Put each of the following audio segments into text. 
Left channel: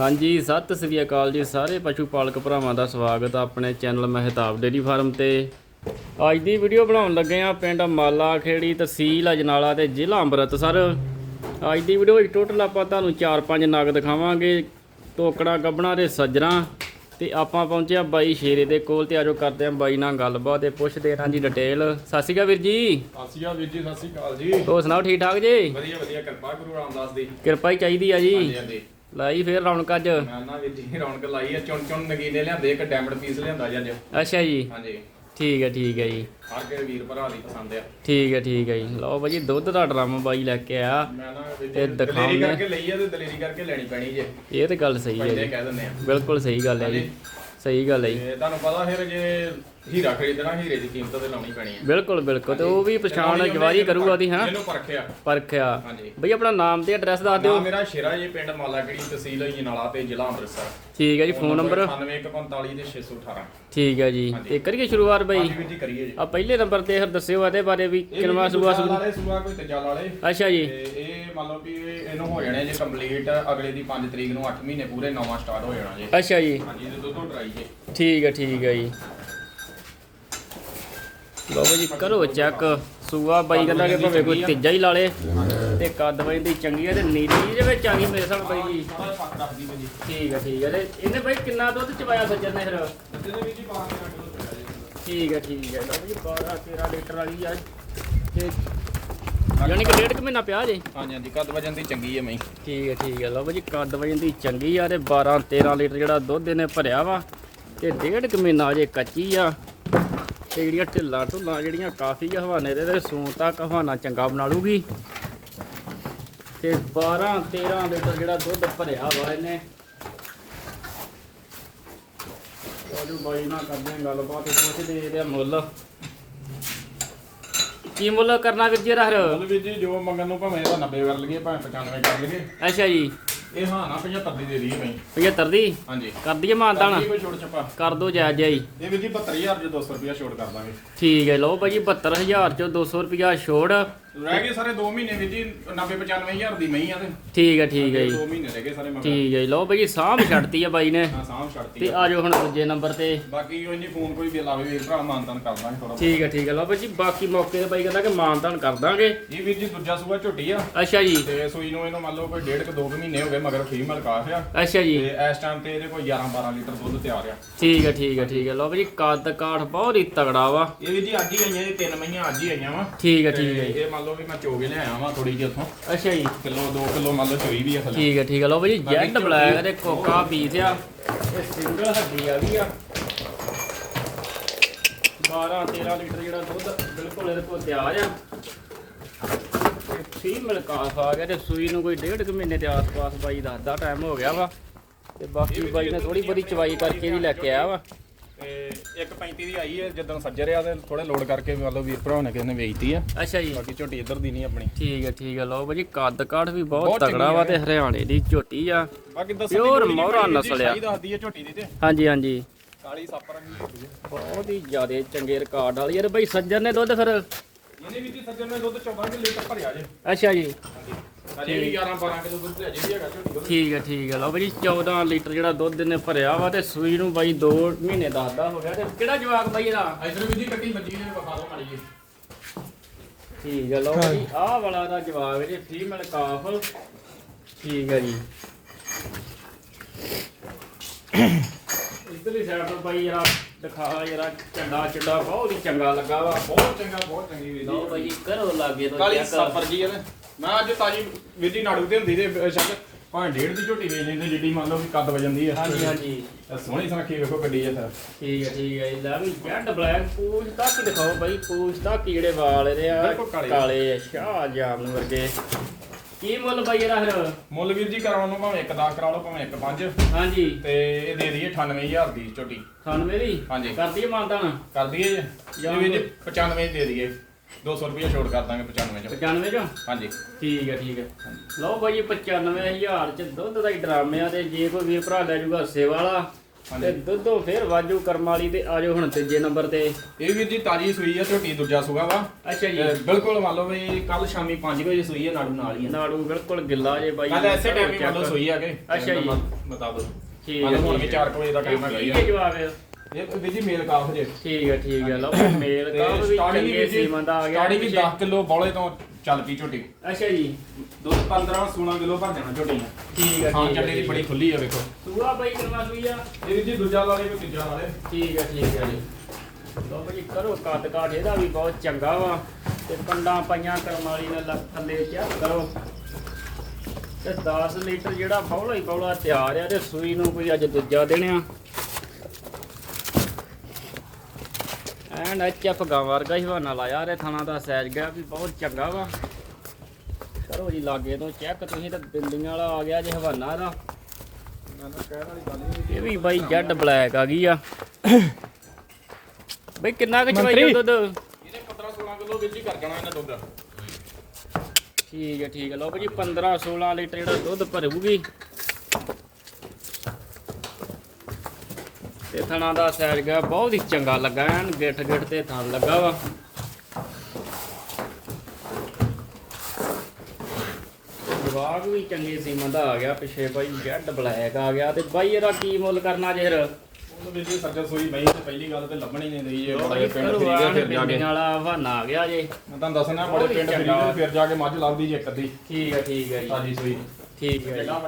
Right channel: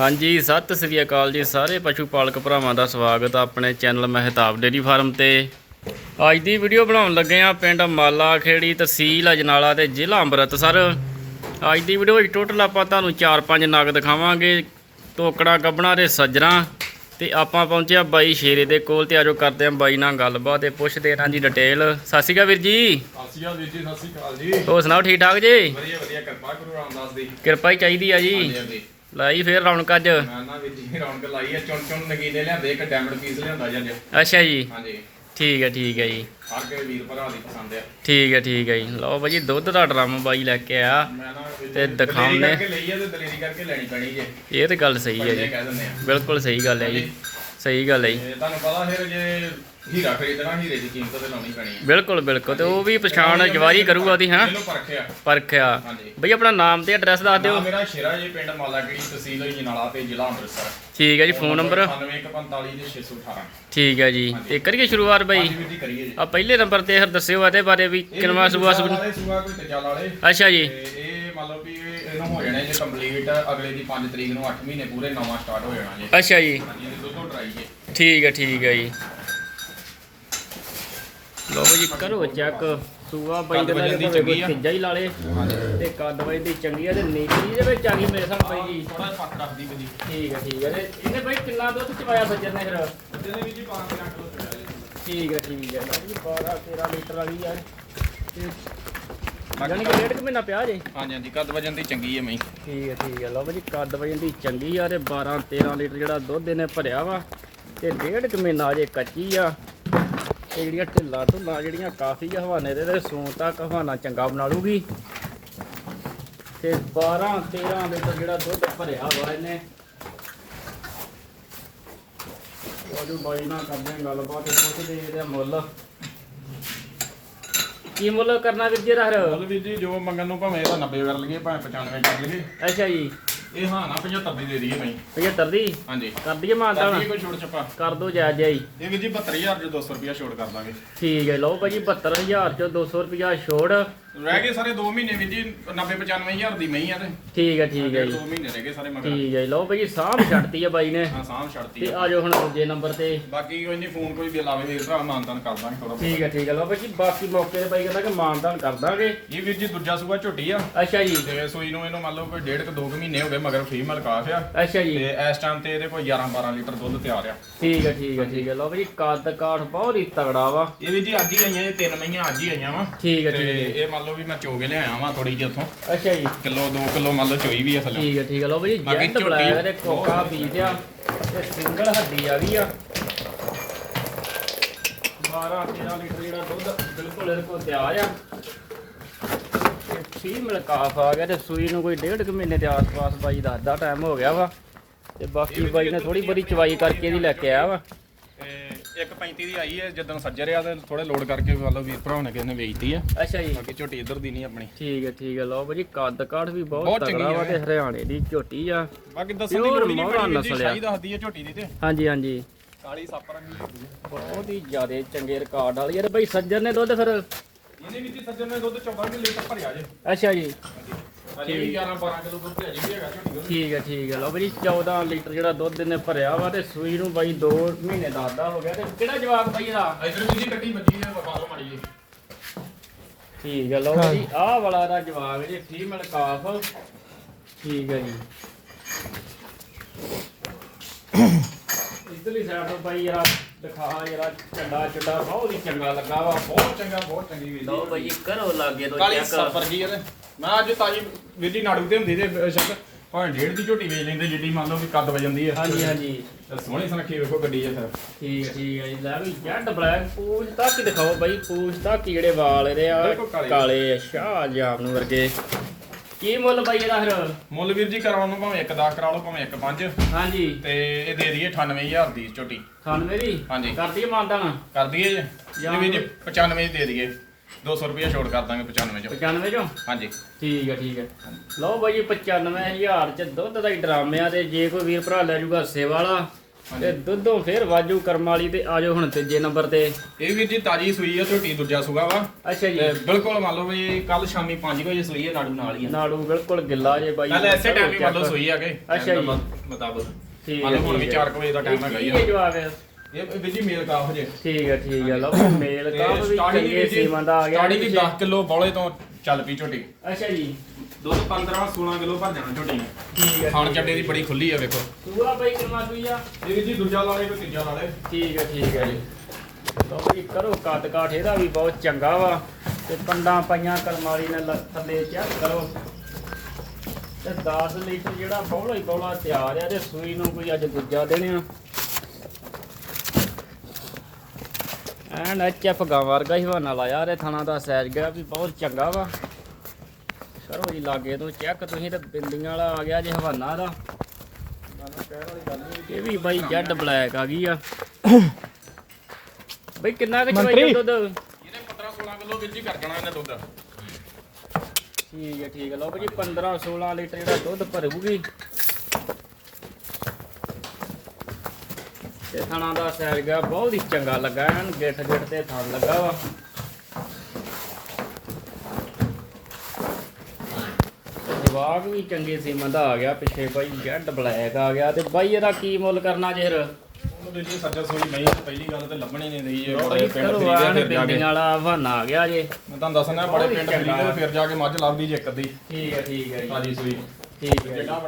ਹਾਂਜੀ ਸਤਿ ਸ੍ਰੀ ਅਕਾਲ ਜੀ ਸਾਰੇ ਪਸ਼ੂ ਪਾਲਕ ਭਰਾਵਾਂ ਦਾ ਸਵਾਗਤ ਆ ਆਪਣੇ ਚੈਨਲ ਮਹਿਤਾਬ ਡੇਰੀ ਫਾਰਮ ਤੇ। ਅੱਜ ਦੀ ਵੀਡੀਓ ਬਣਾਉਣ ਲੱਗੇ ਆ ਪਿੰਡ ਮਾਲਾ ਖੇੜੀ ਤਹਿਸੀਲ ਅਜਨਾਲਾ ਤੇ ਜ਼ਿਲ੍ਹਾ ਅੰਮ੍ਰਿਤਸਰ। ਅੱਜ ਦੀ ਵੀਡੀਓ ਵਿੱਚ ਟੋਟਲ ਆਪਾਂ ਤੁਹਾਨੂੰ 4-5 ਨਗ ਦਿਖਾਵਾਂਗੇ ਟੋਕੜਾ ਗੱਬਣਾ ਦੇ ਸੱਜਰਾਂ ਤੇ ਆਪਾਂ ਪਹੁੰਚਿਆ ਬਾਈ ਸ਼ੇਰੇ ਦੇ ਕੋਲ ਤੇ ਆਜੋ ਕਰਦੇ ਆ ਬਾਈ ਨਾਲ ਗੱਲਬਾਤ ਤੇ ਪੁੱਛਦੇ ਇਹਨਾਂ ਦੀ ਡਿਟੇਲ ਸਤਿ ਸ਼੍ਰੀ ਅਕਾਲ ਵੀਰ ਜੀ। ਸਤਿ ਸ਼੍ਰੀ ਅਕਾਲ ਵੀਰ ਜੀ ਸਤਿ ਸ਼੍ਰੀ ਅਕਾਲ ਜੀ। ਹੋਰ ਸੁਣਾਓ ਠੀਕ ਠਾਕ ਜੀ? ਵਧੀਆ ਵਧੀਆ ਕਿਰਪਾ ਗੁਰੂ ਰਾਮਦਾਸ ਦੀ। ਕਿਰਪਾ ਹੀ ਚਾਹੀਦੀ ਆ ਜੀ। ਹਾਂਜੀ ਹਾਂਜੀ। ਲਾਈ ਫੇਰ ਰੌਣਕ ਅੱਜ? ਮੈਂ ਨਾ ਵੀਰ ਜੀ ਰੌਣਕ ਲਾਈ ਹੈ ਚੁਣ ਚੁਣ ਨਗੀਨੇ ਲਿਆਂਦੇ ਇੱਕ ਡਾਇਮੰਡ ਪੀਸ ਲਿਆਂਦਾ ਜੀ ਅੱਜ। ਅੱਛਾ ਜੀ। ਹਾਂਜੀ। ਠੀਕ ਹੈ ਠੀਕ ਹੈ ਜੀ। ਹਰ ਕੇ ਵੀਰ ਭਰਾ ਦੀ ਪਸੰਦ ਆ। ਠੀਕ ਹੈ ਠੀਕ ਹੈ ਜੀ। ਲਓ ਭਾਜੀ ਦੁੱਧ ਦਾ ਡਰਮ ਬਾਈ ਲੈ ਕੇ ਨਾ ਜੀ ਤੇ ਦਿਖਾਉਂਦੇ- ਕਰਕੇ ਲਈ ਆ ਤੇ ਦਲੇਰੀ ਕਰਕੇ ਲੈਣੀ ਪੈਣੀ ਜੇ। ਇਹ ਤੇ ਗੱਲ ਸਹੀ ਹੈ ਜੀ। ਆ। ਬਿਲਕੁਲ ਸਹੀ ਗੱਲ ਹੈ ਜੀ। ਸਹੀ ਗੱਲ ਹੈ ਜੀ। ਤੇ ਤੁਹਾਨੂੰ ਪਤਾ ਫਿਰ ਜੇ ਹੀਰਾ ਖਰੀਦਣਾ ਹੀਰੇ ਦੀ ਕੀਮਤ ਤੇ ਲਾਉਣੀ ਪੈਣੀ ਹੈ ਬਿਲਕੁਲ ਬਿਲਕੁਲ। ਤੇ ਉਹ ਵੀ ਪਛਾਣ ਜਵਾਰੀ ਕਰੂਗਾ ਉਹਦੀ ਹਾਂ ਪਰਖਿਆ ਪਰਖਿਆ ਹਾਂਜੀ। ਬਈ ਆਪਣਾ ਨਾਮ ਤੇ ਐਡਰੈਸ ਦੱਸ ਨਾਮ ਦਿਓ ਮੇਰਾ ਸ਼ੇਰਾ ਜੀ ਪਿੰਡ ਮਾਲਾਗੜੀ ਤਹਿਸੀਲ ਜਨਾਲਾ ਤੇ ਜ਼ਿਲ੍ਹਾ ਅੰਮ੍ਰਿਤਸਰ। ਠੀਕ ਹੈ ਜੀ ਫੋਨ ਨੰਬਰ? 9145 ਦੇ 618 ਠੀਕ ਹੈ ਜੀ। ਤੇ ਕਰੀਏ ਸ਼ੁਰੂਆਤ ਬਾਈ। ਹਾਂਜੀ ਵੀਰ ਜੀ ਕਰੀਏ ਜੀ। ਆ ਪਹਿਲੇ ਨੰਬਰ ਤੇ ਫਿਰ ਦੱਸਿਓ ਇਹਦੇ ਬਾਰੇ ਵੀ ਕਿਨਵਾ ਸੂਆ ਕੋਈ ਤੇਜਾ ਅੱਛਾ ਜੀ। ਤੇ ਇਹ ਮੰਨ ਲਓ ਵੀ ਇਹਨੂੰ ਹੋ ਜਾਣੇ ਜੇ ਕੰਪਲੀਟ ਅਗਲੇ ਦੀ 5 ਤਰੀਕ ਨੂੰ 8 ਮਹੀਨੇ ਪੂਰੇ ਨਵਾਂ ਸਟਾਰਟ ਹੋ ਜਾਣਾ ਜੀ। ਅੱਛਾ ਜੀ। ਹਾਂਜੀ ਇਹਦੇ ਦੁੱਧੋਂ ਟਰਾਈ ਜੇ। ਠੀਕ ਹੈ ਠੀਕ ਹੈ ਜੀ। ਲਓ ਜੀ ਕਰੋ ਚੈੱਕ ਸੂਆ ਬਾਈ ਕਹਿੰਦਾ ਕਿ ਭਾਵੇਂ ਕੋਈ ਤੀਜਾ ਹੀ ਲਾ ਲੇ ਤੇ ਕੱਦ ਬਾਈ ਦੀ ਚੰਗੀ ਹੈ ਤੇ ਨੀਲੀ ਦੇ ਵਿੱਚ ਆ ਗਈ ਮੇਰੇ ਸਾਹਮਣੇ ਬਾਈ ਜੀ। ਥੋੜਾ ਫੱਕ ਰੱਖਦੀ ਜੀ। ਠੀਕ ਹੈ ਠੀਕ ਹੈ ਤੇ ਇਹਨੇ ਬਾਈ ਕਿੰਨਾ ਦੁੱਧ ਚਵਾਇਆ ਸੱਜਣ ਨੇ ਫਿਰ? ਇਹਦੇ ਵਿੱਚ ਹੀ 5 ਕਿਲੋ ਚੜਿਆ ਜੀ। ਠੀਕ ਹੈ ਠੀਕ ਹੈ ਬਾਈ 12 13 ਲੀਟਰ ਵਾਲੀ ਆ। ਤੇ ਯਾਨੀ ਕਿ ਡੇਢ ਕੁ ਮਹੀਨਾ ਪਿਆ ਜੇ ਹਾਂਜੀ ਹਾਂਜੀ ਕੱਦ ਵਜਨ ਦੀ ਚੰਗੀ ਹੈ ਮਈ ਠੀਕ ਹੈ ਠੀਕ ਹੈ ਲਓ ਜੀ ਕੱਦ ਵਜਨ ਦੀ ਚੰਗੀ ਆ ਤੇ 12 13 ਲੀਟਰ ਜਿਹੜਾ ਦੁੱਧ ਇਹਨੇ ਭਰਿਆ ਵਾ ਤੇ ਡੇਢ ਕੁ ਮਹੀਨਾ ਅਜੇ ਕੱਚੀ ਆ। ਤੇ ਜਿਹੜੀਆਂ ਢਿੱਲਾਂ ਢੁੱਲਾਂ ਜਿਹੜੀਆਂ ਕਾਫੀ ਆ ਹਵਾਨੇ ਦੇ ਤੇ ਸੂਣ ਤੱਕ ਹਵਾਨਾ ਚੰਗਾ ਬਣਾ ਲੂਗੀ। ਤੇ 12 13 ਲੀਟਰ ਜਿਹੜਾ ਦੁੱਧ ਭਰਿਆ ਵਾ ਇਹਨੇ। ਉਹ ਬਾਈ ਨਾਲ ਕਰਦੇ ਗੱਲਬਾਤ ਪੁੱਛਦੇ ਇਹਦੇ ਮੁੱਲ। ਕੀ ਮੁੱਲ ਕਰਨਾ ਵੀਰ ਜੀ ਰਹਿ ਬੋਲ ਵੀ ਜੀ ਜੋ ਮੰਗਣ ਨੂੰ ਭਾਵੇਂ ਇਹਦਾ 90 ਕਰ ਲਈਏ ਭਾਵੇਂ 95 ਕਰ ਲਈਏ। ਅੱਛਾ ਜੀ। ਇਹ ਹਾਂ ਨਾ 75 ਦੀ ਦੇ ਦਈਏ ਮਈ 75 ਦੀ? ਹਾਂਜੀ। ਕਰ ਦਈਏ ਤਾਂ। ਮਾਨਤਾਨ ਕੋਈ ਛੋੜ ਛਪਾ। ਕਰ ਦੋ ਜਾਇਜ਼ ਜਾਈ। ਇਹ ਵੀ ਜੀ 72000 ਚ 200 ਰੁਪਿਆ ਛੋੜ ਕਰ ਦਾਂਗੇ। ਠੀਕ ਹੈ ਲਓ ਭਾਜੀ 72000 ਚੋਂ 200 ਰੁਪਿਆ ਛੋੜ ਰਹਿ ਗਏ ਸਾਰੇ 2 ਮਹੀਨੇ ਵਿੱਚ ਜੀ 90 95000 ਦੀ ਮਈ ਆ ਤੇ। ਠੀਕ ਹੈ ਠੀਕ ਹੈ ਜੀ। 2 ਮਹੀਨੇ ਰਹਿ ਗਏ ਸਾਰੇ ਮਗਰ। ਠੀਕ ਹੈ ਜੀ, ਲਓ ਭਾਜੀ ਸਾਂਭ ਛੱਡਤੀ ਆ ਬਾਈ ਨੇ। ਹਾਂ ਸਾਂਭ ਛੱਡਤੀ ਤੇ ਆ। ਜਾਓ ਹੁਣ ਦੂਜੇ ਨੰਬਰ ਤੇ। ਬਾਕੀ ਕੋਈ ਨਹੀਂ ਫੋਨ ਕੋਈ ਵੀ ਲਾਵੇ ਵੀਰ ਭਰਾ ਮਾਨਤਾਨ ਕਰ ਦਾਂਗੇ ਥੋੜਾ ਠੀਕ ਹੈ ਠੀਕ ਹੈ ਲਓ ਭਾਜੀ ਬਾਕੀ ਮੌਕੇ ਤੇ ਬਾਈ ਕਹਿੰਦਾ ਕਿ ਮਾਨਤਾਨ ਕਰ ਦਾਂਗੇ। ਇਹ ਵੀਰ ਜੀ ਦੂਜਾ ਸੂਆ ਝੋਟੀ ਆ। ਅੱਛਾ ਜੀ। ਤੇ ਸੂਈ ਨੂੰ ਇਹਨੂੰ ਮੰਨ ਲਓ ਕੋਈ ਡੇਢ ਕੁ ਦੋ ਕੁ ਮਹੀਨੇ ਹੋ ਗਏ। ਮਗਰ ਫੀਮੇਲ ਕਾਫ ਆ। ਅੱਛਾ ਜੀ। ਤੇ ਇਸ ਟਾਈਮ ਤੇ ਇਹਦੇ ਕੋਈ 11 12 ਲੀਟਰ ਦੁੱਧ ਤਿਆਰ ਆ। ਠੀਕ ਹੈ ਠੀਕ ਹੈ ਠੀਕ ਹੈ ਲਓ ਭਾਜੀ ਕੱਦ ਕਾਠ ਬਹੁਤ ਹੀ ਤਗੜਾ ਵਾ। ਇਹ ਵੀ ਜੀ ਅੱਜ ਹੀ ਆਈਆਂ ਇਹ ਤਿੰਨ ਮਹੀਆਂ ਅੱਜ ਹੀ ਆਈਆਂ ਵਾ। ਠੀਕ ਹੈ ਤੇ ਠੀਕ ਹੈ ਇਹ ਮੰਨ ਲਓ ਵੀ ਮੈਂ ਚੋਗੇ ਲਿਆਇਆ ਵਾਂ ਥੋੜੀ ਜਿਹੀ ਉੱਥੋਂ। ਅੱਛਾ ਜੀ। ਕਿਲੋ 2 ਕਿਲੋ ਮੰਨ ਲਓ ਚੋਈ ਵੀ ਆ ਥੱਲੇ। ਠੀਕ ਹੈ ਠੀਕ ਹੈ ਲਓ ਬਾਕੀ ਜੈਂਟ ਬਲੈਕ ਦੇ ਕੋਕਾ ਪੀਸ ਆ। ਇਹ ਸਿੰਗਲ ਹੱਡੀ ਆ ਗਈ ਆ। 12 13 ਲੀਟਰ ਜਿਹੜਾ ਦੁੱਧ ਬਿਲਕੁਲ ਇਹਦੇ ਕੋਲ ਤਿਆਰ ਆ। ਫੀਮੇਲ ਕਾਫ ਆ ਗਿਆ ਤੇ ਸੂਈ ਨੂੰ ਕੋਈ ਡੇਢ ਕੁ ਮਹੀਨੇ ਦੇ ਆਸ-ਪਾਸ ਬਾਈ ਦਾ ਅੱਧਾ ਟਾਈਮ ਹੋ ਗਿਆ ਵਾ। ਤੇ ਬਾਕੀ ਬਾਈ ਨੇ ਥੋੜੀ ਬੜੀ ਚਵਾਈ ਕਰਕੇ ਇਹਦੀ ਲੈ ਕੇ ਆਇਆ ਵਾ। ਤੇ 1.35 ਦੀ ਆਈ ਹੈ ਜਦੋਂ ਸੱਜਰ ਆ ਤੇ ਥੋੜੇ ਲੋਡ ਕਰਕੇ ਮੰਨ ਲਓ ਵੀਰ ਭਰਾ ਨੇ ਕਿਸੇ ਨੇ ਵੇਚਤੀ ਆ। ਅੱਛਾ ਜੀ। ਬਾਕੀ ਝੋਟੀ ਇੱਧਰ ਦੀ ਨਹੀਂ ਆਪਣੀ। ਠੀਕ ਹੈ ਠੀਕ ਹੈ ਲਓ ਭਾਜੀ ਕੱਦ ਕਾਠ ਵੀ ਬਹੁਤ ਤਗੜਾ ਵਾ ਤੇ ਹਰਿਆਣੇ ਦੀ ਝੋਟੀ ਆ। ਬਾਕੀ ਦੱਸਣ ਦੀ ਲੋੜ ਨਹੀਂ ਮੋਹਰਾ ਪੈਣੀ ਨਸਲ ਆ। ਸਹੀ ਦੱਸਦੀ ਹੈ ਝੋਟੀ ਦੀ ਤੇ। ਹਾਂਜੀ ਹਾਂਜੀ। ਕਾਲੀ ਸੱਪ ਰੰਗੀ ਹੁੰਦੀ ਹੈ। ਬਹੁਤ ਹੀ ਜ਼ਿਆਦਾ ਚੰਗੇ ਰਿਕਾਰਡ ਵਾਲੀ ਯਾਰ ਬਾਈ ਸੱਜਣ ਨੇ ਦੁੱਧ ਫਿਰ ਇਹਨੇ ਵੀ ਜੀ ਸੱਜਰ ਨੇ ਦੁੱਧ 14 ਕਿਲੋ ਤੱਕ ਭਰਿਆ ਜੇ। ਅੱਛਾ ਜੀ। ਹਾਂਜੀ। ਅਜੇ ਵੀ 11 12 ਕਿਲੋ ਦੁੱਧ ਭਰਿਆ ਜੀ ਹੈਗਾ ਝੋਟੀ ਦਾ। ਠੀਕ ਹੈ ਠੀਕ ਹੈ ਲਓ ਬਾਈ 14 ਲੀਟਰ ਜਿਹੜਾ ਦੁੱਧ ਇਹਨੇ ਭਰਿਆ ਵਾ ਤੇ ਸੂਈ ਨੂੰ ਬਾਈ 2 ਮਹੀਨੇ ਦੱਸਦਾ ਹੋ ਗਿਆ ਤੇ ਕਿਹੜਾ ਜਵਾਕ ਬਾਈ ਇਹਦਾ? ਇਧਰ ਵੀ ਜੀ ਕੱਟੀ ਬੱਜੀ ਨੇ ਵਖਾ ਲਓ ਮਾੜੀ ਜੀ। ਠੀਕ ਹੈ ਲਓ ਜੀ ਆਹ ਵਾਲਾ ਦਾ ਜਵਾਕ ਜੇ ਫੀਮੇਲ ਕਾਫ। ਠੀਕ ਹੈ ਜੀ। ਇਧਰਲੀ ਸਾਈਡ ਤੋਂ ਬਾਈ ਯਾਰ ਦਿਖਾ ਯਾਰ ਝੰਡਾ ਚੁੱਡਾ ਬਹੁਤ ਹੀ ਚੰਗਾ ਲੱਗਾ ਵਾ ਬਹੁਤ ਚੰਗਾ ਬਹੁਤ ਚੰਗੀ ਵੀਰ ਲਓ ਬਾਈ ਕਰੋ ਲਾਗੇ ਤੋਂ ਕਾਲੀ ਸੱਪ ਵਰਗੀ ਇਹਦੇ ਮੈਂ ਅੱਜ ਤਾਜੀ ਵੀਰ ਜੀ ਨਾੜੂ ਤੇ ਹੁੰਦੀ ਤੇ ਸ਼ੱਕ ਭਾਵੇਂ ਡੇਢ ਦੀ ਝੋਟੀ ਵੇਚ ਲੈਂਦੇ ਜਿੱਡੀ ਮੰਨ ਲਓ ਵੀ ਕੱਦ ਵਜੰਦੀ ਆ। ਹਾਂਜੀ ਹਾਂਜੀ। ਸੋਹਣੀ ਸੁਨੱਖੀ ਵੇਖੋ ਗੱਡੀ ਆ ਸਰ। ਠੀਕ ਹੈ ਠੀਕ ਹੈ ਜੀ। ਲੈ ਵੀ ਜੈਡ ਬਲੈਕ ਪੂਛ ਤੱਕ ਹੀ ਦਿਖਾਓ ਬਾਈ ਪੂਛ ਤੱਕ ਹੀ ਜਿਹੜੇ ਵਾਲ ਇਹਦੇ ਆ ਕਾਲੇ। ਆ ਸ਼ਾਹ ਜਾਮਨ ਵਰਗੇ। ਕੀ ਮੁੱਲ ਬਾਈ ਇਹਦਾ ਫਿਰ? ਮੁੱਲ ਵੀਰ ਜੀ ਕਰਾਉਣ ਨੂੰ ਭਾਵੇਂ ਇੱਕ 10 ਕਰਾ ਲਓ ਭਾਵੇਂ ਇੱਕ 5 ਹਾਂਜੀ। ਤੇ ਇਹ ਦੇ ਦਈਏ 98000 ਦੀ ਝੋਟੀ 98 ਦੀ? ਹਾਂਜੀ। ਕਰਦੀ ਹੈ ਮਾਨਤਾਨ ਕਰ ਦਈਏ ਜੀ। ਵੀਰ ਜੀ 95 ਦੀ ਦਈਏ। 200 ਰੁਪਏ ਛੋੜ ਕਰ ਦਾਂਗੇ 95 ਚੋਂ। 95 ਚੋਂ? ਹਾਂਜੀ। ਠੀਕ ਹੈ ਠੀਕ ਹੈ। ਲਓ ਬਾਈ 95000 ਚ ਦੁੱਧ ਦਾ ਹੀ ਡਰਾਮੇ ਆ ਤੇ ਜੇ ਕੋਈ ਵੀਰ ਭਰਾ ਲੈ ਜੂਗਾ ਸੇਵਾ ਵਾਲਾ ਤੇ ਦੁੱਧੋਂ ਫੇਰ ਵਾਜੂ ਕਰਮ ਵਾਲੀ ਤੇ ਆਜੋ ਹੁਣ ਤੀਜੇ ਨੰਬਰ ਤੇ। ਇਹ ਵੀਰ ਜੀ ਤਾਜੀ ਸੂਈ ਆ ਝੋਟੀ ਦੂਜਾ ਸੂਗਾ ਵਾ। ਅੱਛਾ ਜੀ। ਬਿਲਕੁਲ ਮੰਨ ਲਓ ਵੀ ਕੱਲ ਸ਼ਾਮੀ 5 ਵਜੇ ਸੂਈ ਆ ਨਾੜੂ ਨਾਲ ਹੀ ਆ। ਨਾੜੂ ਬਿਲਕੁਲ ਗਿੱਲਾ ਜੇ ਬਾਈ। ਕੱਲ ਐਸੇ ਟਾਈਮ ਹੀ ਮੰਨ ਲਓ ਸੂਈ ਆ ਕੇ ਅੱਛਾ ਜੀ। ਮੁਤਾਬਕ। ਠੀਕ ਮੰਨ ਲਓ ਹੁਣ ਵੀ ਠੀਕ 4 ਵਜੇ ਦਾ ਟਾਈਮ ਹੈਗਾ ਹੀ ਆ। ਕੀ ਜਵਾਬ ਹੈ ਇਹ ਵੀਰ ਜੀ ਮੇਲ ਕਾਫ ਜੇ ਠੀਕ ਹੈ ਠੀਕ ਹੈ। ਲਓ ਮੇਲ ਤੇ ਕਾਫ ਵੀ ਸਟਾਰਟਿੰਗ ਚੰਗੇ ਵੀਰ ਜੀ ਸੀਮਾ ਦਾ ਆ ਗਿਆ ਸਟਾਰਟਿੰਗ 10 ਕਿਲੋ ਬੌਲੇ ਤੋਂ ਚੱਲ ਪਈ ਝੋਟੀ। ਅੱਛਾ ਜੀ। ਦੁੱਧ 15 16 ਕਿਲੋ ਭਰ ਜਾਣਾ ਝੋਟੀ ਨੇ। ਠੀਕ ਹੈ ਖਾਣ ਠੀਕ ਹੈ, ਚੱਡੇ ਦੀ ਬੜੀ ਖੁੱਲੀ ਆ ਵੇਖੋ। ਸੂਆ ਬਾਈ ਕਿੰਨਾ ਸੂਈ ਆ? ਇਹ ਵੀਰ ਜੀ ਦੂਜਾ ਵਾਲੇ ਕੋ ਤੀਜਾ ਵਾਲੇ ਠੀਕ ਹੈ ਠੀਕ ਹੈ ਜੀ। ਲਓ ਜੀ ਕਰੋ ਕੱਦ ਕਾਠ ਇਹਦਾ ਵੀ ਬਹੁਤ ਚੰਗਾ ਵਾ। ਤੇ ਪੰਡਾਂ ਪਈਆਂ ਕਰਮਾਲੀ ਨੇ ਲ- ਥੱਲੇ ਚੈੱਕ ਕਰੋ। ਤੇ 10 ਲੀਟਰ ਜਿਹੜਾ ਬੌਲਾ ਹੀ ਬੌਲਾ ਤਿਆਰ ਆ ਤੇ ਸੂਈ ਨੂੰ ਕੋਈ ਅੱਜ ਦੂਜਾ ਦੇਣਿਆ। ਐਨ ਐਚਐਫ ਗਾਂ ਵਰਗਾ ਹੀ ਹਵਾਨਾ ਲਾਇਆ ਰੇ ਥਣਾ ਦਾ ਸਾਈਜ਼ ਗਿਆ ਵੀ ਬਹੁਤ ਚੰਗਾ ਵਾ। ਕਰੋ ਜੀ ਲਾਗੇ ਤੋਂ ਚੈੱਕ ਤੁਸੀਂ ਤੇ ਬਿੰਦੀਆਂ ਵਾਲਾ ਆ ਗਿਆ ਜੇ ਹਵਾਨਾ ਦਾ ਮੈਨੂੰ ਕਹਿਣ ਵਾਲੀ ਗੱਲ ਨਹੀਂ ਇਹ ਵੀ ਬਾਈ ਜੈਡ ਬਲੈਕ ਆ ਗਈ ਆ। ਬਈ ਕਿੰਨਾ ਕੁ। ਚਵਾਈ ਦੁੱਧ? ਇਹਨੇ 15 16 ਕਿਲੋ ਵੀਰ ਜੀ ਕਰ ਦੇਣਾ ਇਹਨੇ ਦੁੱਧ। ਠੀਕ ਹੈ ਠੀਕ ਹੈ ਲਓ ਭਾਜੀ 15 16 ਲੀਟਰ ਜਿਹੜਾ ਦੁੱਧ ਭਰੂਗੀ। ਤੇ ਥਣਾ ਦਾ ਸੈਰ ਗਿਆ ਬਹੁਤ ਹੀ ਚੰਗਾ ਲੱਗਾ ਐਨ ਗਿੱਠ ਗਿੱਠ ਤੇ ਥਣ ਲੱਗਾ ਵਾ। ਜਵਾਬ ਵੀ ਚੰਗੀ ਸੀਮਾ ਦਾ ਆ ਗਿਆ ਪਿੱਛੇ ਬਾਈ ਜੈਡ ਬਲੈਕ ਆ ਗਿਆ ਤੇ ਬਾਈ ਇਹਦਾ ਕੀ ਮੁੱਲ ਕਰਨਾ ਜੇਰ ਉਹਨੂੰ ਵੀਰ ਜੀ ਸੱਜਾ ਸੋਈ ਨਹੀਂ ਪਹਿਲੀ ਗੱਲ ਤੇ ਲੱਭਣੀ ਨਹੀਂ ਰਹੀ ਇਹ ਬੜੇ ਪਿੰਡ ਫਰੀਦੇ ਫਿਰ ਜਾ ਕੇ ਵਾਲਾ ਹਵਾਨਾ ਆ ਗਿਆ ਜੇ। ਮੈਂ ਤੁਹਾਨੂੰ ਦੱਸਣਾ ਬੜੇ ਪਿੰਡ ਫਰੀਦੇ ਫਿਰ ਜਾ ਕੇ ਮੱਝ ਲੱਭਦੀ ਜੇ ਇੱਕ ਅੱਧੀ। ਠੀਕ ਹੈ ਠੀਕ ਹੈ ਜੀ। ਤਾਜੀ ਸੂਈ। ਠੀਕ ਹੈ ਵੱਡਾ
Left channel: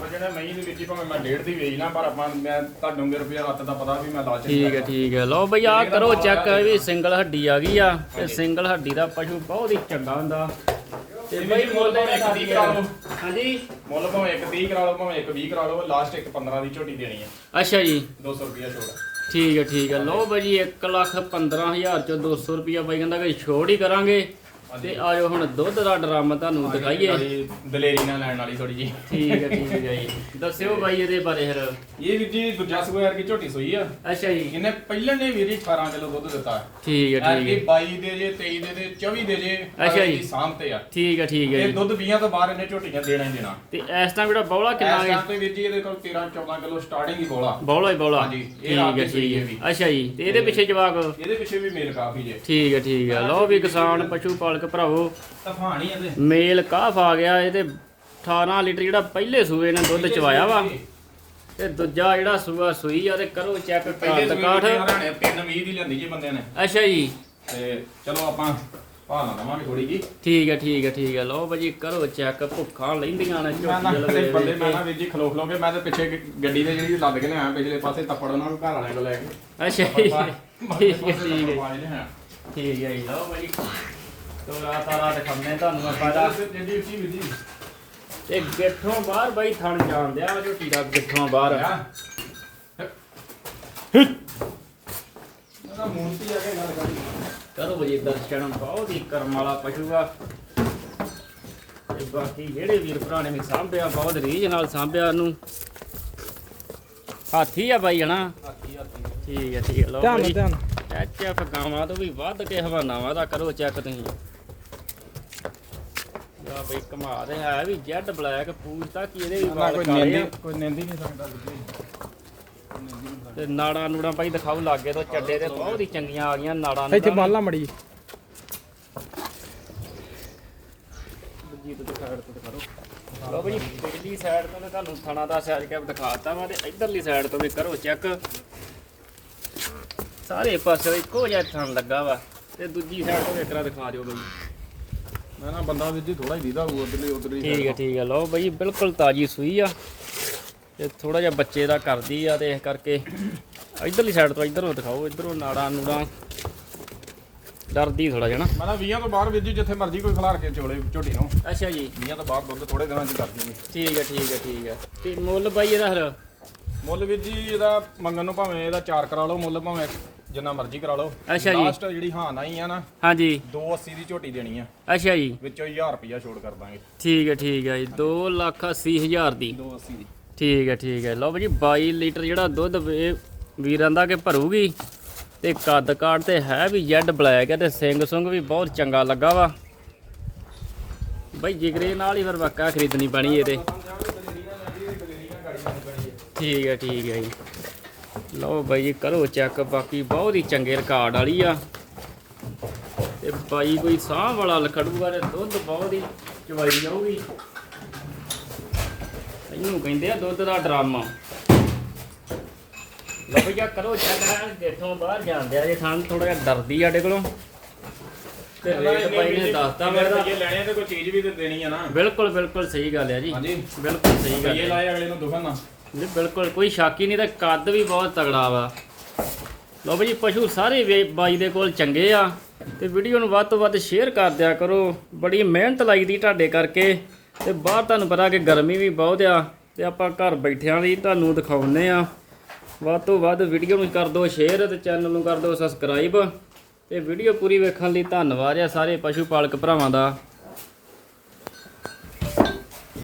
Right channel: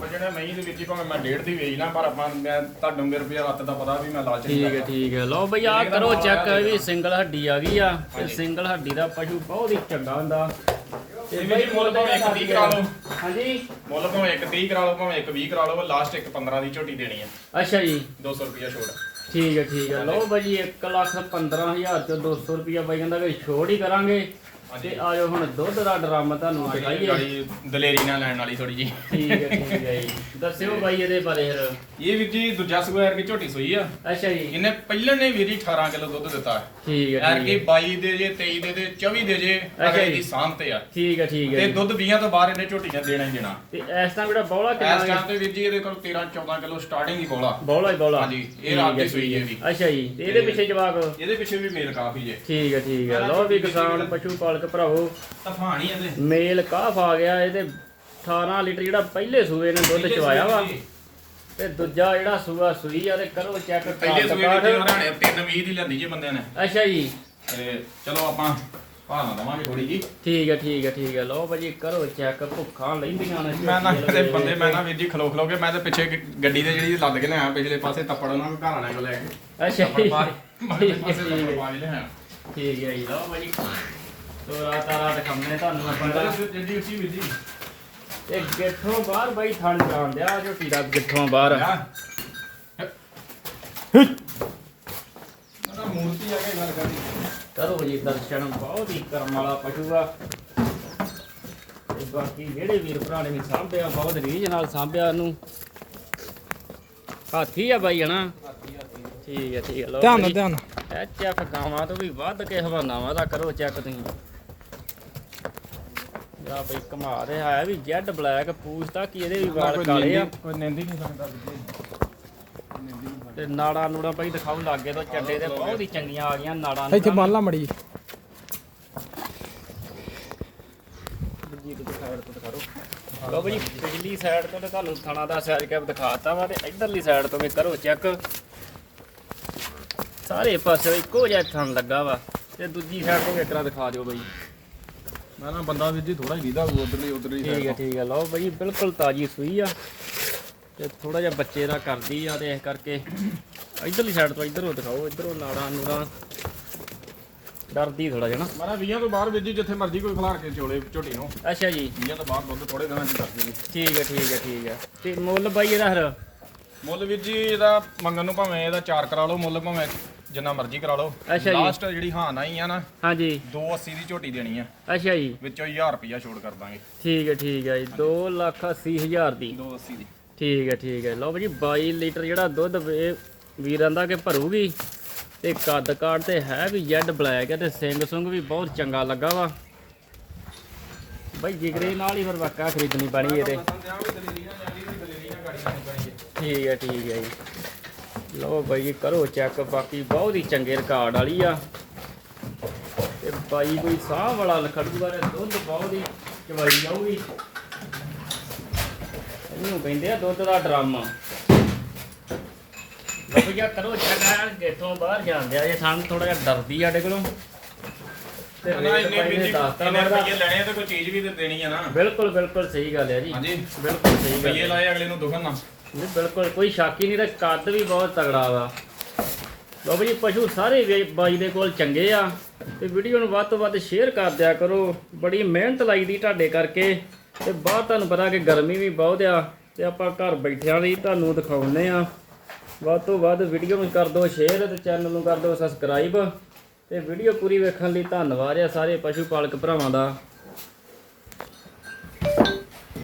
ਵਜਣਾ ਦੇ ਵਿੱਚ ਹੀ ਭਾਵੇਂ ਮੈਂ ਡੇਢ ਦੀ ਵੇਚਣਾ ਪਰ ਆਪਾਂ ਮੈਂ ਤੁਹਾਨੂੰ ਮੇਰੇ ਰੁਪਏ ਰੱਤ ਦਾ ਪਤਾ ਵੀ ਮੈਂ ਲਾਲਚ ਨਹੀਂ ਠੀਕ ਹੈ ਕਰਦਾ। ਠੀਕ ਹੈ। ਲਓ ਬਈ ਆ ਕਰੋ ਚੈੱਕ ਇਹ ਵੀ ਸਿੰਗਲ ਹੱਡੀ ਆ ਗਈ ਆ ਤੇ ਸਿੰਗਲ ਹੱਡੀ ਦਾ ਪਸ਼ੂ ਬਹੁਤ ਹੀ ਚੰਗਾ ਹੁੰਦਾ। ਤੇ ਵੀ ਮੁੱਲ ਭਾਵੇਂ ਇੱਕ ਤੀਹ ਕਰਾ ਲਓ। ਹਾਂਜੀ। ਮੁੱਲ ਭਾਵੇਂ ਇੱਕ 30 ਕਰਾ ਲਓ ਭਾਵੇਂ ਇੱਕ 20 ਕਰਾ ਲਓ ਲਾਸਟ ਇੱਕ 15 ਦੀ ਝੋਟੀ ਦੇਣੀ ਆ। ਅੱਛਾ ਜੀ। 200 ਰੁਪਿਆ ਛੋੜ ਠੀਕ ਹੈ ਠੀਕ ਹੈ। ਲਓ ਬਾਈ 1 ਲੱਖ 15000 ਚੋਂ 200 ਰੁਪਿਆ ਬਾਈ ਕਹਿੰਦਾ ਵੀ ਛੋੜ ਹੀ ਕਰਾਂਗੇ। ਤੇ ਆ ਜਾਓ ਹੁਣ ਦੁੱਧ ਦਾ ਡਰਮ ਤੁਹਾਨੂੰ ਦਿਖਾਈਏ। ਵਾਲੀ ਦਲੇਰੀ ਨਾਲ ਲੈਣ ਵਾਲੀ ਥੋੜੀ ਜੀ ਠੀਕ ਹੈ ਠੀਕ ਹੈ ਜੀ। ਦੱਸਿਓ ਬਾਈ ਇਹਦੇ ਬਾਰੇ ਫਿਰ। ਇਹ ਵੀਰ ਜੀ ਦੂਜਾ ਸਕੁਐਰ ਦੀ ਝੋਟੀ ਸੂਈ ਆ। ਅੱਛਾ ਜੀ। ਇਹਨੇ ਪਹਿਲਣ ਨੇ ਵੀਰ ਜੀ 18 ਕਿਲੋ ਦੁੱਧ ਦਿੱਤਾ। ਠੀਕ ਹੈ ਠੀਕ ਕੀ ਹੈ 22 ਦੇ ਜੇ 23 ਦੇ ਦੇ 24 ਦੇ ਜੇ ਅੱਛਾ ਅਗਲੇ ਜੀ। ਦੀ ਸਾਂਭ ਤੇ ਆ। ਠੀਕ ਹੈ ਠੀਕ ਹੈ ਤੇ ਜੀ। ਦੁੱਧ 20 ਤੋਂ ਬਾਹਰ ਇਹਨੇ ਝੋਟੀਆਂ ਦੇਣਾ ਹੀ ਦੇਣਾ। ਤੇ ਇਸ ਟਾਈਮ ਜਿਹੜਾ ਬੌਲਾ ਇਸ ਕਿੰਨਾ ਟਾਈਮ ਤੇ ਵੀਰ ਜੀ ਇਹਦੇ ਕੋਲ 13 14 ਕਿਲੋ ਸਟਾਰਟਿੰਗ ਹੀ ਬੋਲਾ। ਬੌਲਾ ਹੀ ਬੌਲਾ। ਹਾਂਜੀ, ਇਹ ਠੀਕ ਰਾਤ ਦੀ ਹੈ, ਸੂਈ ਠੀਕ ਹੈ। ਹੈ। ਵੀ। ਅੱਛਾ ਜੀ। ਤੇ ਇਹਦੇ ਪਿੱਛੇ ਜਵਾਕ? ਇਹਦੇ ਪਿੱਛੇ ਵੀ ਮੇਲ ਕਾਫੀ ਜੇ। ਠੀਕ ਹੈ ਠੀਕ ਹੈ। ਲਓ ਵੀ ਕਿਸਾਨ ਪਸ਼ੂ ਪਾਲਕ ਭਰਾਵੋ। ਤਫਾਣੀ ਇਹਦੇ ਮੇਲ ਕਾਫ ਆ ਗਿਆ ਇਹਦੇ 18 ਲੀਟਰ ਜਿਹੜਾ ਪਹਿਲੇ ਸੂਏ ਨੇ ਦੁੱਧ ਚਵਾਇਆ ਵਾ। ਤੇ। ਦੂਜਾ ਜਿਹੜਾ ਸੂਆ ਸੂਈ ਆ ਤੇ ਕਰੋ ਚੈੱਕ ਪਹਿਲੇ ਸੂਏ ਦੀ ਹਰਿਆਣੇ 320 ਦੀ ਲੈਂਦੀ ਜੇ ਬੰਦਿਆਂ ਨੇ। ਅੱਛਾ ਜੀ। ਤੇ ਚਲੋ ਆਪਾਂ ਭਾਲਣਾ ਦਵਾਂਗੇ ਥੋੜੀ ਜੀ ਠੀਕ ਹੈ ਠੀਕ ਹੈ ਠੀਕ ਹੈ ਲਓ ਭਾਜੀ ਕਰੋ ਚੈੱਕ ਭੁੱਖਾਂ ਲੈਂਦੀਆਂ ਨੇ ਮੈਂ ਨਾ ਤੇ ਲਵੇ ਬੰਦੇ ਮੈਂ ਨਾ ਵੀਰ ਜੀ ਖਲੋ ਖਲੋ ਕੇ ਮੈਂ ਤੇ ਪਿੱਛੇ ਗੱਡੀ ਤੇ ਜਿਹੜੀ ਲੱਦ ਕੇ ਲਿਆ ਪਿਛਲੇ ਪਾਸੇ ਤੱਪੜ ਉਹਨਾਂ ਨੂੰ ਘਰ ਕੋਲ ਲੈ ਕੇ। ਅੱਛਾ ਠੀਕ ਹੈ ਹੈ ਠੀਕ ਹੈ ਜੀ ਲਓ ਭਾਜੀ। ਤੋ ਰਾਤ ਆ ਰਾਤ ਖੰਨੇ ਤੁਹਾਨੂੰ ਮੈਂ ਕਹਿੰਦਾ ਜਿੱਡੀ ਉੱਚੀ ਵੀਰ ਜੀ। ਇਹ ਗਿੱਠੋਂ ਬਾਹਰ ਬਾਈ ਥਣ ਜਾਣ ਦਿਆ ਝੋਟੀ ਦਾ ਗਿੱਠੋਂ ਬਾਹਰ। ਉਹਦਾ ਮੂਰਤੀ ਆ ਕੇ ਗੱਲ ਕਰਦੀ ਕਰੋ ਜੀ ਦਰਸ਼ਨ ਬਹੁਤ ਹੀ ਕਰਮ ਵਾਲਾ ਪਸ਼ੂ ਆ। ਤੇ ਬਾਕੀ ਜਿਹੜੇ ਵੀਰ ਭਰਾ ਨੇ ਵੀ ਸਾਂਭਿਆ ਬਹੁਤ ਰੀਝ ਨਾਲ ਸਾਂਭਿਆ ਨੂੰ ਹਾਥੀ ਆ ਬਾਈ ਹਨਾ? ਹਾਥੀ ਹਾਥੀ। ਠੀਕ ਹੈ ਠੀਕ ਹੈ ਲੋ ਐਚਐਫ ਗਾਵਾਂ ਤੋਂ ਵੀ ਵੱਧ ਕੇ ਹਵਾਨਾਵਾਂ ਦਾ ਕਰੋ ਚੈੱਕ ਤੁਸੀਂ। ਆ ਬਈ ਕਮਾ ਦੇ ਹੈ ਵੀ ਜੈਡ ਬਲੈਕ ਪੂਛਤਾ ਕੀ ਇਹਦੇ ਵੀ ਵਾਲ ਕਾਲੇ ਆ। ਕੋਈ ਨਿੰਦੀ ਨਹੀਂ ਸਕਦਾ ਜੀ ਤੇ ਨਾੜਾ ਨੂੜਾ ਭਾਈ ਦਿਖਾਉ ਲਾਗੇ ਤੋਂ ਚੱਡੇ ਤੇ ਬਹੁਤ ਹੀ ਚੰਗੀਆਂ ਆ ਗਈਆਂ ਨਾੜਾਂ ਇੱਥੇ ਬਾਲਾ ਮੜੀ ਜੀ ਤੋਂ ਸਾਈਡ ਤੋਂ ਦਿਖਾਓ ਲਓ ਬਈ ਪਿਛਲੀ ਸਾਈਡ ਤੋਂ ਮੈਂ ਤੁਹਾਨੂੰ ਥਣਾ ਦਾ ਸਾਈਡ ਕੈਪ ਦਿਖਾਤਾ ਵਾ ਤੇ ਇਧਰਲੀ ਸਾਈਡ ਤੋਂ ਵੀ ਕਰੋ ਚੈੱਕ ਸਾਰੇ ਪਾਸੇ ਇੱਕੋ ਜਿਹਾ ਥਣ ਲੱਗਾ ਵਾ ਤੇ ਦੂਜੀ ਸਾਈਡ ਤੋਂ ਵੀ ਦਿਖਾ ਦਿਓ ਬਈ। ਨਾ ਬੰਦਾ ਵੀਰ ਜੀ ਥੋੜਾ ਹੀ ਦੀਦਾ ਹੋਊ ਉਧਰਲੀ ਉਧਰਲੀ ਠੀਕ ਹੈ ਠੀਕ ਹੈ ਲਓ ਬਈ ਬਿਲਕੁਲ ਤਾਜੀ ਸੂਈ ਆ ਤੇ ਥੋੜਾ ਜਿਹਾ ਬੱਚੇ ਦਾ ਕਰਦੀ ਆ ਤੇ ਇਸ ਕਰਕੇ ਇਧਰਲੀ ਸਾਈਡ ਤੋਂ ਇਧਰੋਂ ਦਿਖਾਓ ਇਧਰੋਂ ਨਾੜਾਂ ਨੂੜਾਂ। ਡਰਦੀ ਥੋੜਾ ਜਿਹਾ ਨਾ। ਨਾ 20 ਤੋਂ ਬਾਹਰ ਜੀ ਜਿੱਥੇ ਮਰਜ਼ੀ ਕੋਈ ਖਿਲਾਰ ਕੇ ਚੋਲੇ ਝੋਟੀ ਨੂੰ। ਅੱਛਾ ਜੀ। 20 ਤੋਂ ਬਾਹਰ ਦੁੱਧ ਥੋੜੇ ਦਿਨਾਂ ਚ ਕਰ ਦੇਣੀ ਠੀਕ ਹੈ ਠੀਕ ਹੈ ਠੀਕ ਹੈ। ਤੇ ਮੁੱਲ ਬਾਈ ਇਹਦਾ ਹਰ ਮੁੱਲ ਵੀਰ ਜੀ ਇਹਦਾ ਮੰਗਣ ਨੂੰ ਭਾਵੇਂ ਇਹਦਾ 4 ਕਰਾ ਲਓ ਮੁੱਲ ਭਾਵੇਂ ਜਿੰਨਾ ਮਰਜ਼ੀ ਕਰਾ ਲਓ। ਅੱਛਾ ਜੀ। ਲਾਸਟ ਜਿਹੜੀ ਹਾਂ ਨਾ ਹੀ ਆ ਨਾ ਹਾਂਜੀ। 280 ਦੀ ਝੋਟੀ ਦੇਣੀ ਆ। ਅੱਛਾ ਜੀ। ਵਿੱਚੋਂ 1000 ਰੁਪਿਆ ਛੋੜ ਕਰ ਦਾਂਗੇ। ਠੀਕ ਹੈ ਠੀਕ ਹੈ ਜੀ। 2 ਲੱਖ 80 ਹਜ਼ਾਰ ਦੀ। 280 ਦੀ। ਠੀਕ ਹੈ ਠੀਕ ਹੈ। ਲਓ ਜੀ 22 ਲੀਟਰ ਜਿਹੜਾ ਦੁੱਧ ਇਹ ਵੀਰਾਂ ਦਾ ਕਿ ਭਰੂਗੀ। ਤੇ ਕੱਦ ਕਾਠ ਤੇ ਹੈ ਵੀ ਜੈਡ ਬਲੈਕ ਹੈ ਤੇ ਸਿੰਘ ਸੁੰਗ ਵੀ ਬਹੁਤ ਚੰਗਾ ਲੱਗਾ ਵਾ। ਬਈ ਜਿਗਰੇ ਨਾਲ ਹੀ ਫਿਰ ਵਾਕਾ ਖਰੀਦਣੀ ਪੈਣੀ ਇਹਦੇ। ਠੀਕ ਹੈ ਠੀਕ ਹੈ ਜੀ। ਲਓ ਬਾਈ ਜੀ ਕਰੋ ਚੈੱਕ ਬਾਕੀ ਬਹੁਤ ਹੀ ਚੰਗੇ ਰਿਕਾਰਡ ਵਾਲੀ ਆ। ਤੇ ਬਾਈ ਕੋਈ ਸਾਹ ਵਾਲਾ ਲਖੜੂਗਾ ਤੇ ਦੁੱਧ ਬਹੁਤ ਹੀ ਚਵਾਈ ਜਾਊਗੀ। ਇਹਨੂੰ ਕਹਿੰਦੇ ਆ ਦੁੱਧ ਦਾ ਡਰਾਮਾ। ਲਓ ਭਈਆ ਕਰੋ ਚੈੱਕ ਆ ਜੇਠੋਂ ਬਾਹਰ ਜਾਂਦੇ ਆ ਜੇ ਸਾਨੂੰ ਥੋੜਾ ਜਿਹਾ ਡਰਦੀ ਆ ਸਾਡੇ ਕੋਲੋਂ। ਤੇ ਨਾ ਰੇਟ ਇੰਨੇ ਬਾਈ ਨੇ ਵੀ ਦੱਸਤਾ ਇੰਨੇ ਮੇਰਾ। ਰੁਪਈਏ ਲੈਣੇ ਆ ਤੇ ਕੋਈ ਚੀਜ਼ ਵੀ ਤੇ ਦੇਣੀ ਆ ਨਾ। ਬਿਲਕੁਲ ਬਿਲਕੁਲ ਸਹੀ ਗੱਲ ਹੈ ਜੀ। ਹਾਂਜੀ। ਬਿਲਕੁਲ ਸਹੀ ਗੱਲ ਹੈ ਲਾਏ ਅਗਲੇ ਨੂੰ ਦੁਖਣ ਨਾ। ਨਹੀਂ, ਬਿਲਕੁਲ, ਕੋਈ ਸ਼ੱਕ ਹੀ ਨਹੀਂ ਤੇ ਕੱਦ ਵੀ ਬਹੁਤ ਤਗੜਾ ਵਾ। ਲੋ ਵੀ ਪਸ਼ੂ ਸਾਰੇ ਵੇ- ਬਾਈ ਦੇ ਕੋਲ ਚੰਗੇ ਆ ਤੇ ਵੀਡੀਓ ਨੂੰ ਵੱਧ ਤੋਂ ਵੱਧ ਸ਼ੇਅਰ ਕਰ ਦਿਆ ਕਰੋ। ਬੜੀ ਮਿਹਨਤ ਲੱਗਦੀ ਤੁਹਾਡੇ ਕਰਕੇ ਤੇ ਬਾਹਰ ਤੁਹਾਨੂੰ ਪਤਾ ਕਿ ਗਰਮੀ ਵੀ ਬਹੁਤ ਆ ਤੇ ਆਪਾਂ ਘਰ ਬੈਠਿਆਂ ਵੀ ਤੁਹਾਨੂੰ ਦਿਖਾਉਂਦੇ ਆ। ਵੱਧ ਤੋਂ ਵੱਧ ਵੀਡੀਓ ਨੂੰ ਕਰ ਦਿਓ ਸ਼ੇਅਰ ਤੇ ਚੈਨਲ ਨੂੰ ਕਰ ਦਿਓ ਸਬਸਕ੍ਰਾਈਬ ਤੇ ਵੀਡੀਓ ਪੂਰੀ ਵੇਖਣ ਲਈ ਧੰਨਵਾਦ ਆ ਸਾਰੇ ਪਸ਼ੂ ਪਾਲਕ ਭਰਾਵਾਂ ਦਾ।